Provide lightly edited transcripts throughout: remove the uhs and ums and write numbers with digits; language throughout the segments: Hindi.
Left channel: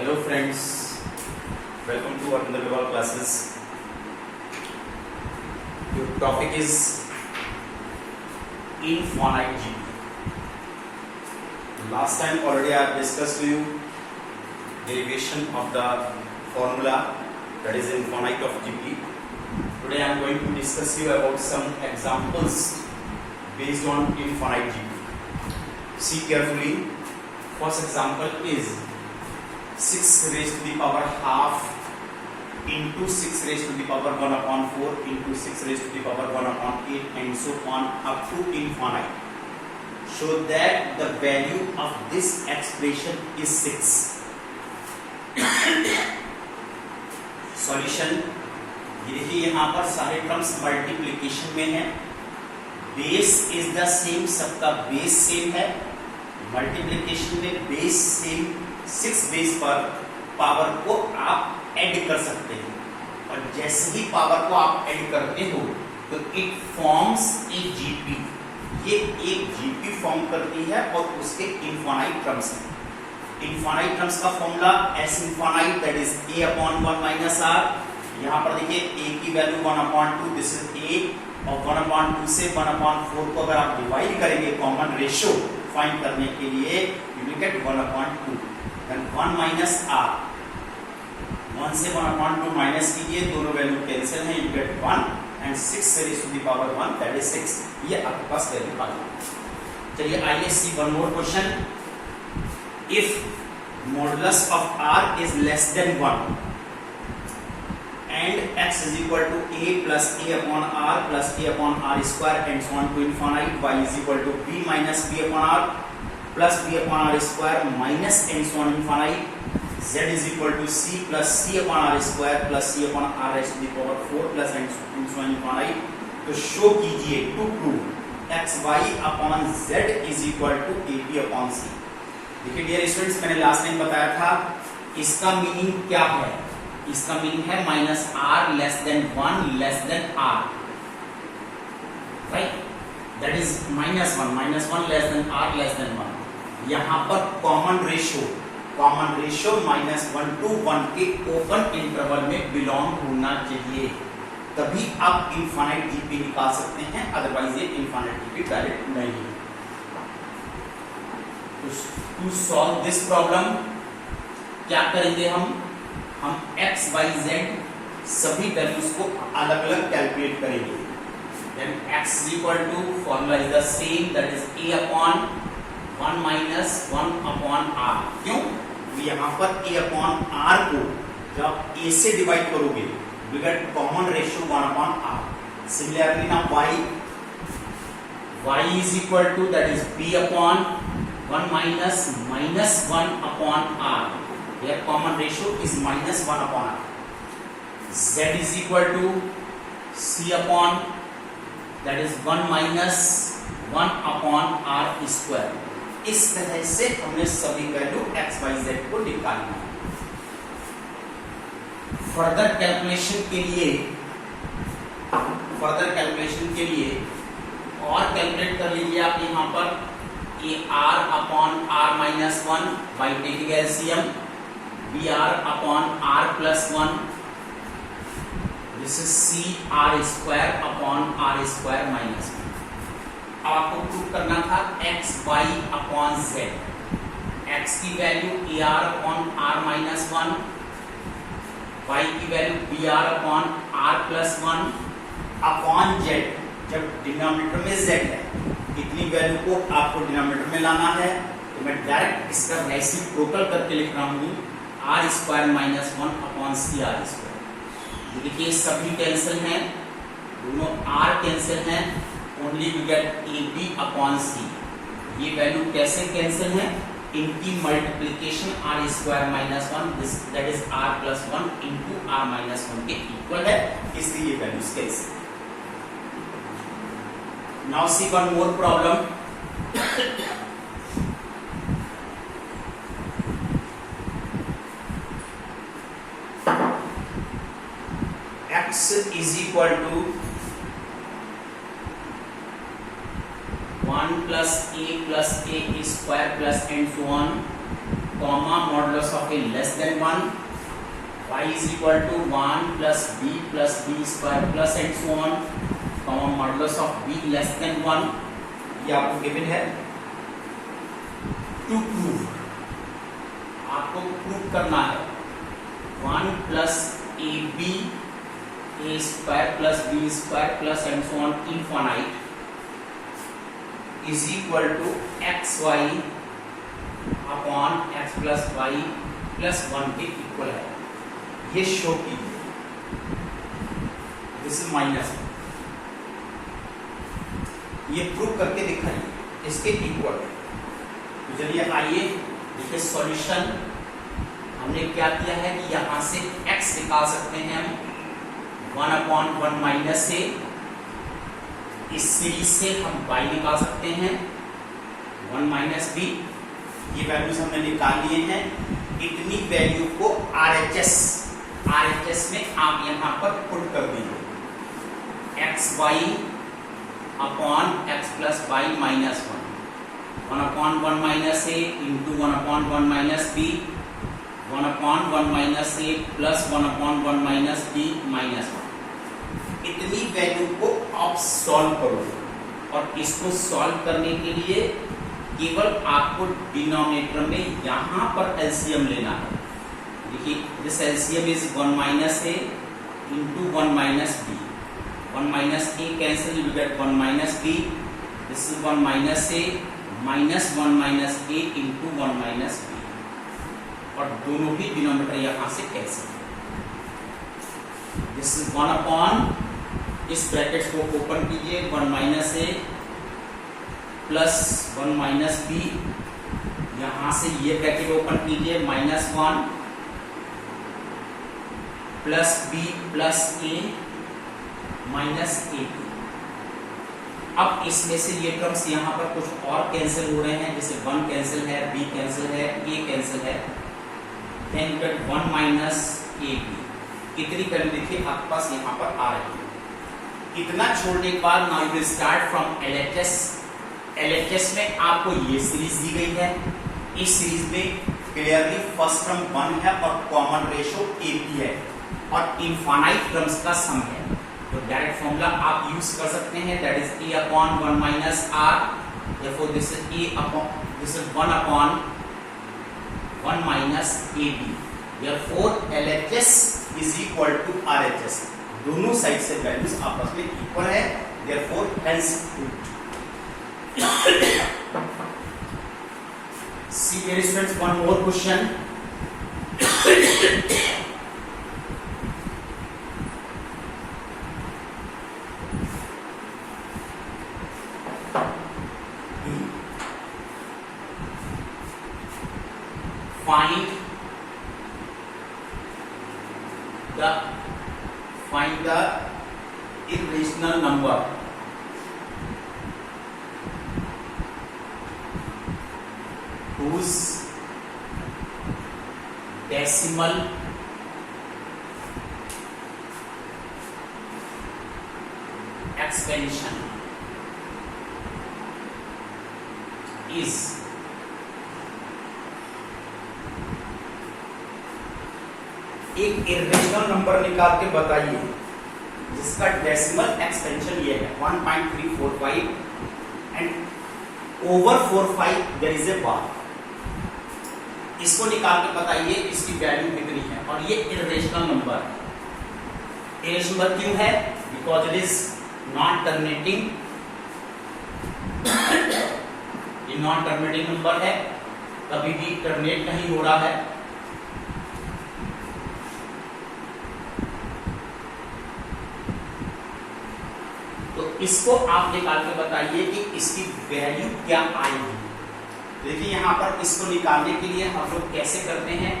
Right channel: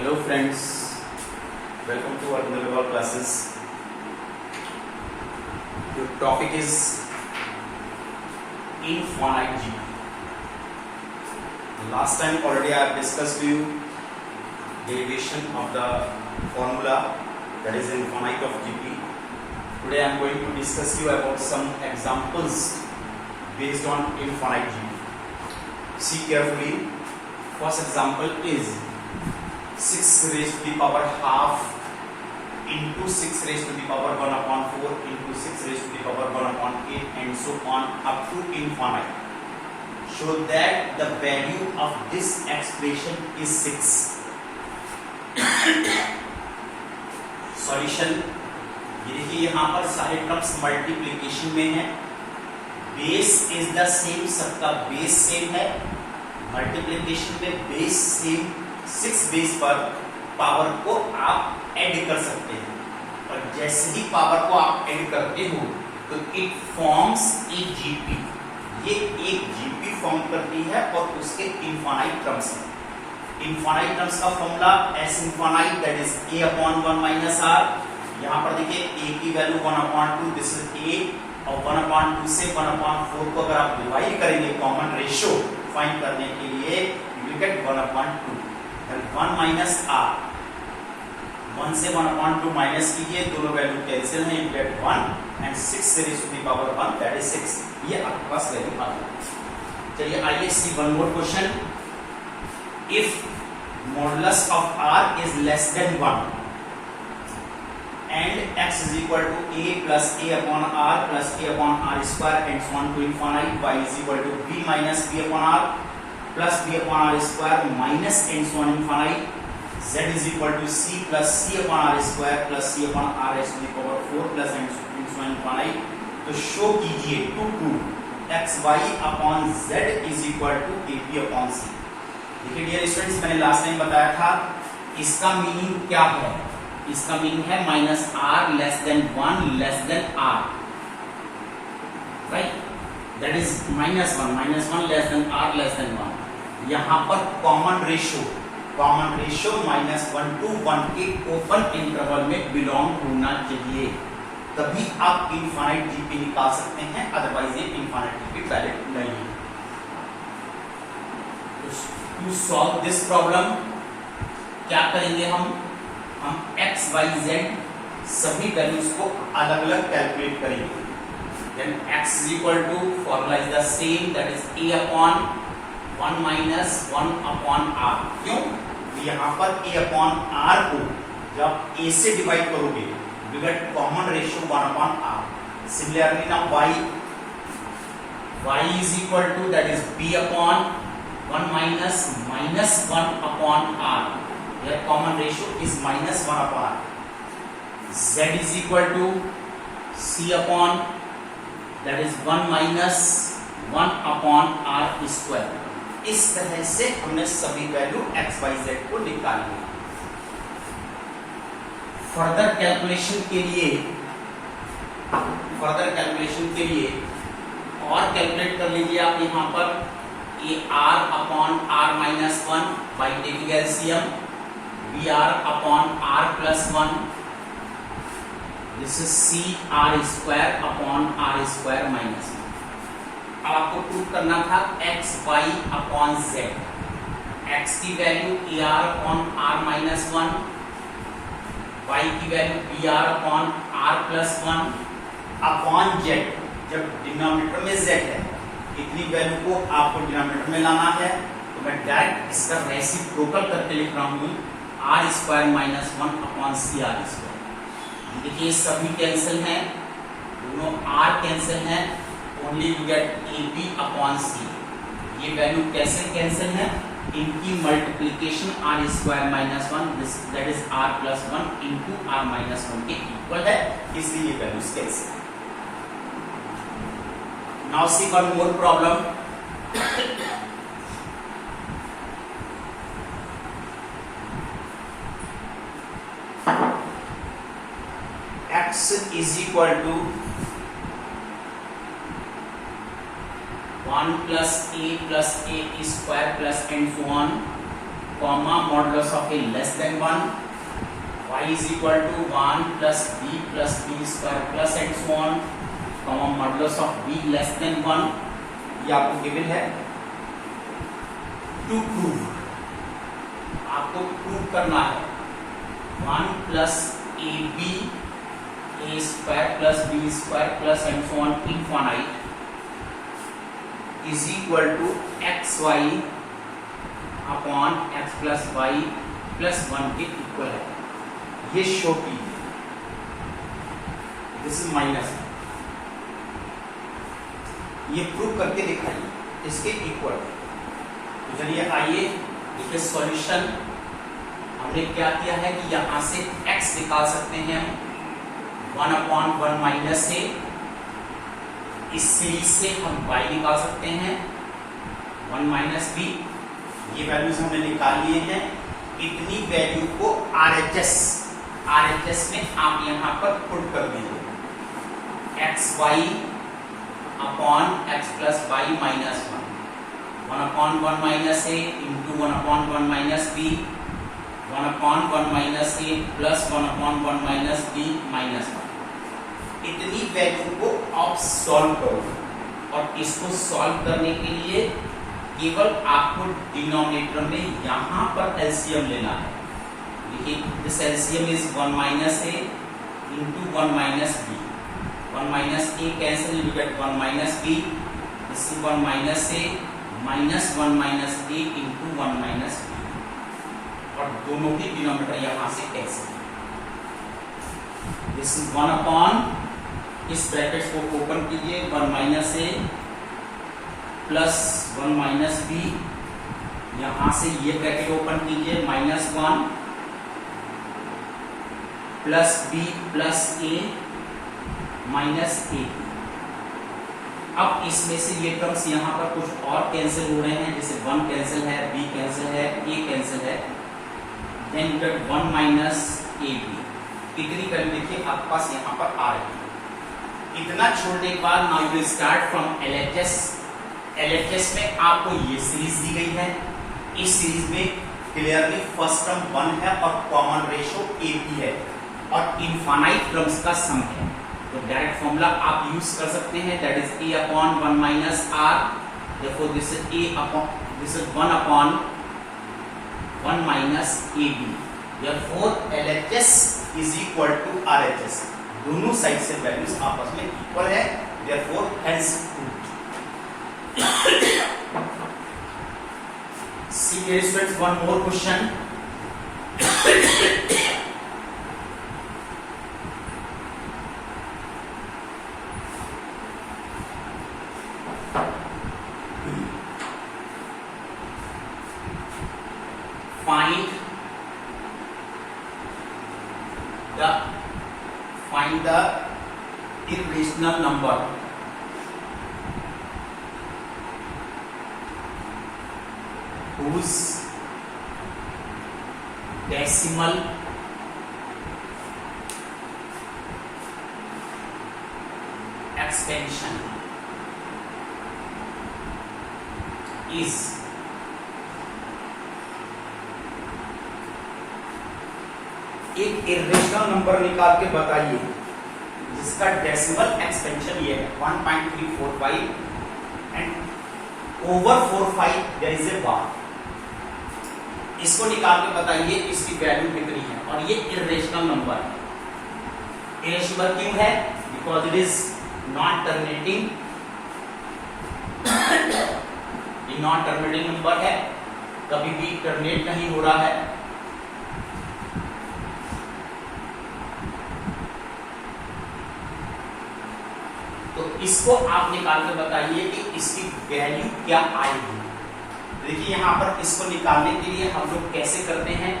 Hello friends, welcome to our Underground classes. Your topic is infinite G. Last time already I have discussed to you derivation of the formula that is infinite of GP. Today I am going to discuss you about some examples based on infinite G. See carefully. First example is 6 raised to the power half into 6 raised to the power 1 upon 4 into 6 raised to the power 1 upon 8 and so on up to infinite. Show that the value of this expression is 6. Solution. ये देखिए यहाँ पर सारे टर्म्स मल्टीप्लिकेशन में है. बेस इज द सेम, सबका बेस सेम है. मल्टीप्लिकेशन में बेस सेम, 6 बेस पर पावर को आप ऐड कर सकते हैं और जैसे ही पावर को आप ऐड करते हो तो इट फॉर्म्स ए जीपी. ये एक जीपी फॉर्म करती है और उसके इनफाइनाइट टर्म्स हैं. इनफाइनाइट टर्म्स का formula s infinite that is a upon 1 minus r. यहाँ पर देखिए ए की value 1 upon 2 this is a और 1 अपॉन 2 से 1 अपॉन 4 को अगर आप डिवाइड करेंगे कॉमन रेशियो फाइंड करने के लिए you will get 1 upon 2. 1 minus R, 1 से 1 अपॉन 2 माइनस कीजिए, दोनों वैल्यू कैंसिल है, यू गेट 1 एंड 6 से raise to the power 1 that is 6. ये आपके पास वैल्यू आ गई. चलिए आइए see one more question. If modulus of R is less than 1 and x is equal to a plus a upon r plus a upon r square and so on to infinite, y is equal to b minus b upon r plus b upon r square minus and so on infinite, z is equal to c plus c upon r square plus c upon r raised to the power 4 plus and so on infinite. तो शो कीजिए to prove x y upon z is equal to a b upon c. देखिए डियर स्टूडेंट्स, मैंने लास्ट टाइम बताया था इसका मीनिंग क्या है. इसका मीनिंग है minus r less than 1 less than r, right. That is minus one less than r less than 1. यहां पर कॉमन रेशियो माइनस 1 to 1 के ओपन इंटरवल में बिलोंग होना चाहिए, तभी आप इनफाइनाइट जीपी निकाल सकते हैं, अदरवाइज ये इनफाइनाइट जीपी वैलिड नहीं है. टू सॉल्व दिस प्रॉब्लम क्या करेंगे हम x y z सभी वैल्यूज को अलग अलग कैलकुलेट करेंगे. Then x is equal to formula is the same, that is a upon 1 minus 1 upon r. क्यों? यहाँ पर a upon r को जब a से डिवाइड करोगे you get common ratio 1 upon r. Similarly now y is equal to that is b upon 1 minus 1 upon r. Their common ratio is minus 1 upon r. Z is equal to c upon that is 1 minus 1 upon r square. इस तरह से हमने सभी वैल्यू x y z को निकाली है. फर्दर कैलकुलेशन के लिए और कैलकुलेट कर लीजिए आप यहाँ पर a r upon r minus 1 by taking LCM, br upon r plus 1, this is c r square upon r square minus 1. अब आपको प्रूव करना था x y upon z. x की value ar upon r minus 1, y की value br upon r plus 1 upon z. जब डिनोमिनेटर में z है, इतनी वैल्यू को आपको डिनोमिनेटर में लाना है, तो मैं डायरेक्ट इसका रेसिप्रोकल करके लिख रहा हूं R square minus 1 upon C R square. देखिए सभी कैंसिल हैं, दोनों आर कैंसिल हैं, only you get A B upon C. ये वैल्यू कैसे कैंसिल है? इनकी multiplication R square minus 1 this that is R plus 1 into R minus 1 के इक्वल है, इसलिए ये values cancel. Now see one more problem. x is equal to 1 plus a square plus and so on comma modulus of a less than 1, y is equal to 1 plus b square plus and so on, comma modulus of b less than 1, ये आपको गिवन है। टू प्रूव, आपको प्रूव करना है 1 plus a b a square plus b square plus and so on infinite is equal to x Y upon x plus y plus 1 के इक्वल है। ये शो कीजिए, दिस इज माइनस, ये प्रूव करके दिखाइए इसके इक्वल। तो चलिए आइए देखिए सॉल्यूशन। हमने क्या किया है कि यहां से x निकाल सकते हैं 1/1 माइनस ए, इस सीरीज से हम y निकाल सकते हैं 1 माइनस बी। ये वैल्यूज हमने निकाल लिए हैं। इतनी वैल्यू को RHS में आप यहां पर पुट कर दीजिए, X Y upon x plus Y minus 1/1 minus ए इंटू 1/1 माइनस बी, 1/1 माइनस ए प्लस 1/1 माइनस बी माइनस 1। इतनी वैल्यू को आप सॉल्व करो और इसको सॉल्व करने के लिए केवल आपको डिनोमिनेटर में यहां पर एलसीएम लेना है। देखिए this LCM is 1 minus A into 1 minus b, 1 minus a cancel, you get 1 minus b, this is 1 minus a minus 1 minus A into 1 minus b, और दोनों ही डिनोमिनेटर यहां से कैंसिल। दिस इज 1 अपॉन, इस ब्रैकेट्स को ओपन कीजिए, 1 माइनस ए प्लस 1 माइनस बी, यहां से ये ब्रैकेट ओपन कीजिए, -1 प्लस बी प्लस ए माइनस ए। अब इसमें से ये टर्म्स यहां पर कुछ और कैंसिल हो रहे हैं, जैसे 1 कैंसिल है, b कैंसिल है, a कैंसिल है, then you get 1 minus a b. इतनी वैल्यू देखिए आपके पास यहां पर आ रही है। इतना छोड़ने के बाद now you will start from LHS में आपको ये सीरीज दी गई है। इस सीरीज में क्लियरली फर्स्ट टर्म 1 है और कॉमन रेशो ए बी है और इनफाइनाइट टर्म्स का सम है। तो डायरेक्ट फॉर्मूला आप यूज कर सकते हैं, that is a upon 1 minus r, therefore this is 1 upon 1 minus ab, therefore LHS is equal to RHS। दोनों साइड से वैल्यूज आपस में इक्वल है, therefore hence proved। See here students, one more question। Find the irrational number whose decimal expansion is एक इरेशनल नंबर निकाल के बताइए जिसका डेसिमल एक्सपेंशन ये है 1.345 and over 45 there is a bar. इसको निकाल के बताइए इसकी वैल्यू कितनी है, और ये इरेशनल नंबर है। इरेशनल क्यों है? Because it is non terminating, ये नॉन टर्मिनेटिंग नंबर है, कभी भी टर्मिनेट नहीं हो रहा है। तो इसको आप निकाल के बताइए कि इसकी वैल्यू क्या आएगी। देखिए यहां पर इसको निकालने के लिए हम लोग कैसे करते हैं,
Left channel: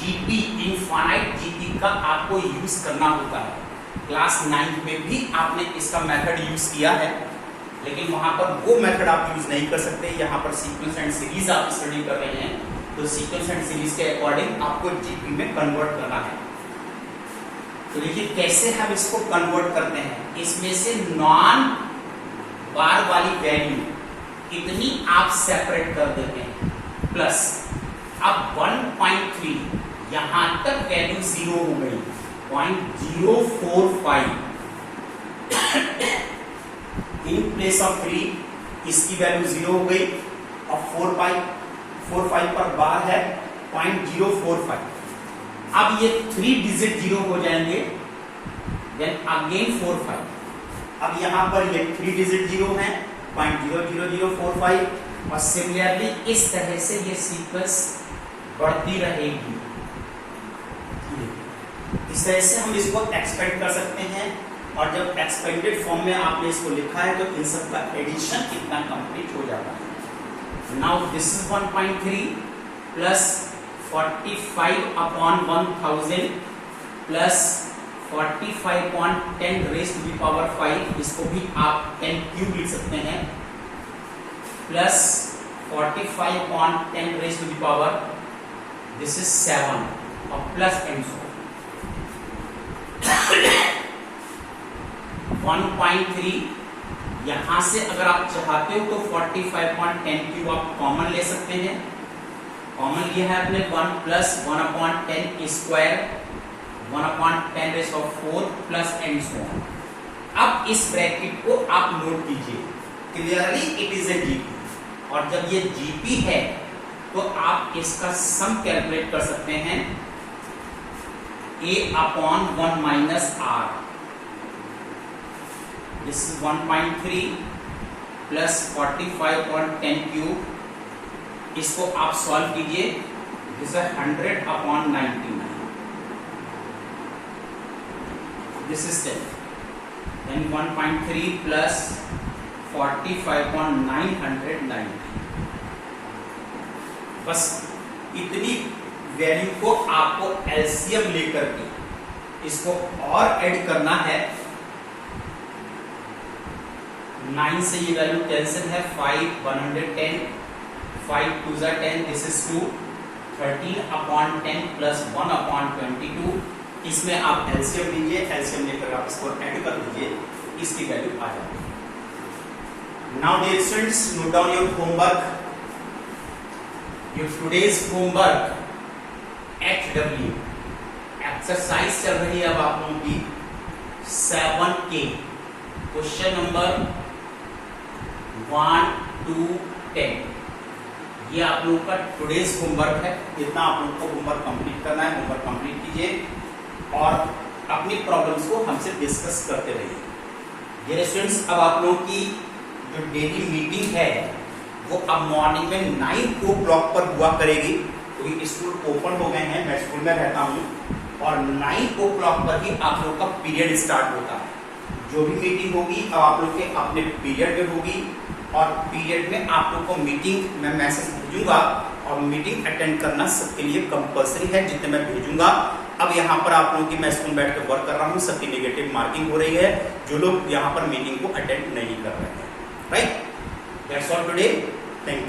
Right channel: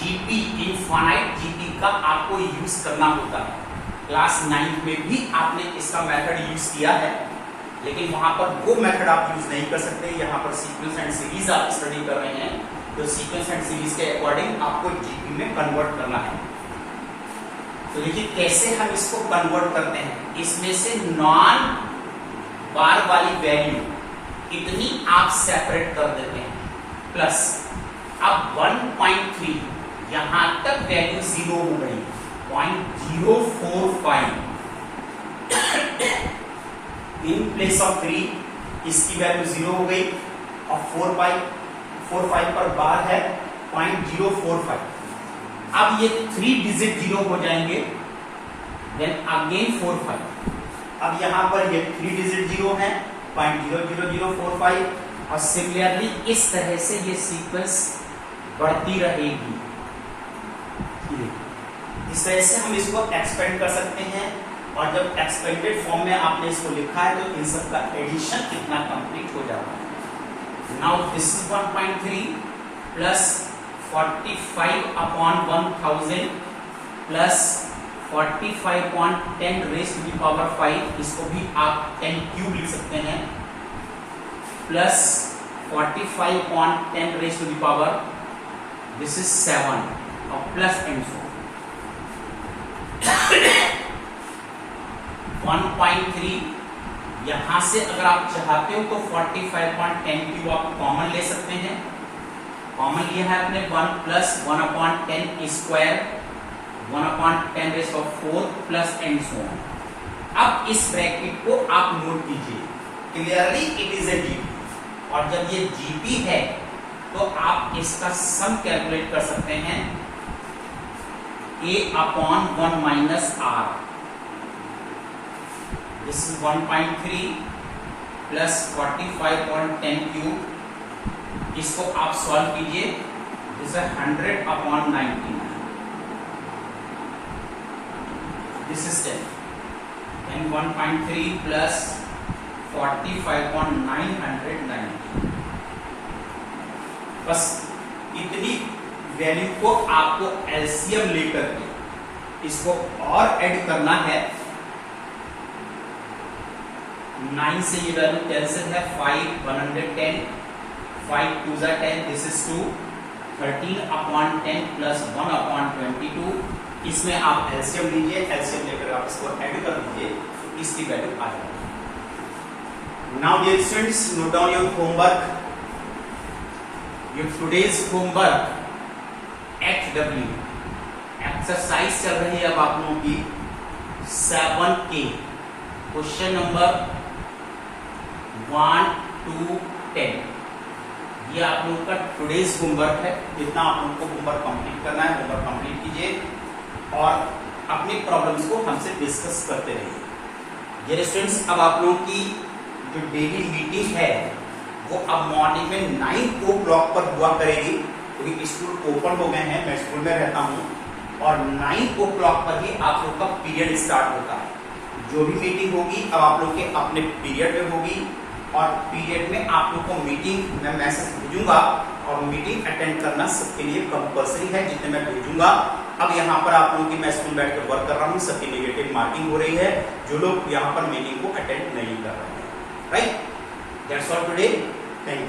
जीपी इनफाइनाइट जीपी का आपको यूज करना होता है। क्लास 9 में भी आपने इसका मेथड यूज किया है, लेकिन वहां पर वो मेथड आप यूज नहीं कर सकते। यहाँ पर सीक्वेंस एंड सीरीज आप स्टडी कर रहे हैं, तो सीक्वेंस एंड सीरीज के अकॉर्डिंग आपको जीपी में कन्वर्ट करना है। तो देखिए कैसे हम इसको कन्वर्ट करते हैं। इसमें से नॉन बार वाली वैल्यू इतनी आप सेपरेट कर देते हैं, प्लस अब 1.3 यहां तक वैल्यू 0 हो गई, 0.045 इन प्लेस ऑफ 3 इसकी वैल्यू 0 हो गई, और 4.45 पर बार है 0.045। अब ये 3 डिजिट 0 हो जाएंगे, देन अगेन 45। अब यहां पर ये 3 डिजिट 0 है 0.00045, और सिमिलरली इस तरह से ये सीक्वेंस बढ़ती रहेगी। इस तरह से हम इसको एक्सपेंड कर सकते हैं, और जब एक्सपेंडेड फॉर्म में आपने इसको लिखा है तो इन सब का एडिशन कितना कंप्लीट हो जाता है। Now this is 1.3 plus 45 upon 1000 plus 45.10 raise to the power 5, इसको भी आप 10 क्यूब लिख सकते हैं, plus 45.10 raise to the power, this is 7, और प्लस एंड सो 1.3। यहां से अगर आप चाहते हो तो 45.10 क्यूब आप कॉमन ले सकते हैं, कॉमन लिया है आपने 1 plus 1/10 square 1/10 raise of 4 plus and so on. अब इस ब्रैकेट को आप नोट कीजिए, clearly it is a GP, और जब ये जीपी है तो आप इसका सम कैलकुलेट कर सकते हैं, a/1 minus r, this is 1.3 plus 45.10 cube, इसको आप सॉल्व कीजिए, दिस है 100/99, दिस इज 10, देन 1.3 प्लस 45.990। बस इतनी वैल्यू को आपको एलसीएम लेकर के इसको और ऐड करना है। 9 से ये वैल्यू कैंसिल है, 5 110, 5 2 जा 10, दिस इज 2, 13/10 प्लस 1/22, इसमें आप एलसीएम लीजिए, एलसीएम लेकर आप इसको ऐड कर दीजिए, इसकी वैल्यू आ जाएगी। Now dear students, note down your homework, your today's homework HW exercise चल रही है अब आप लोगों की 7K, क्वेश्चन नंबर 1 to 10। ये आप लोगों का टुडेज होमवर्क है, जितना आप लोगों को होमवर्क कंप्लीट करना है होमवर्क कंप्लीट कीजिए, और अपनी प्रॉब्लम्स को हमसे डिस्कस करते रहिए। डियर स्टूडेंट्स, अब आप लोगों की जो डेली मीटिंग है वो अब मॉर्निंग में 9 o'clock पर हुआ करेगी, क्योंकि स्कूल ओपन हो गए हैं, मैं स्कूल में रहता हूँ, और 9 o'clock पर ही आप लोग का पीरियड स्टार्ट होता है। जो भी मीटिंग होगी अब आप लोग के अपने पीरियड में होगी, और पीरियड में आप लोग को मीटिंग मैं मैसेज भेजूंगा, और मीटिंग अटेंड करना सबके लिए कंपलसरी है, जितने मैं भेजूंगा। अब यहाँ पर आप लोगों की मैं स्कूल बैठ कर वर्क कर रहा हूँ, सबकी नेगेटिव मार्किंग हो रही है, जो लोग यहाँ पर मीटिंग को अटेंड नहीं कर रहे हैं। Right, that's all today, thank you.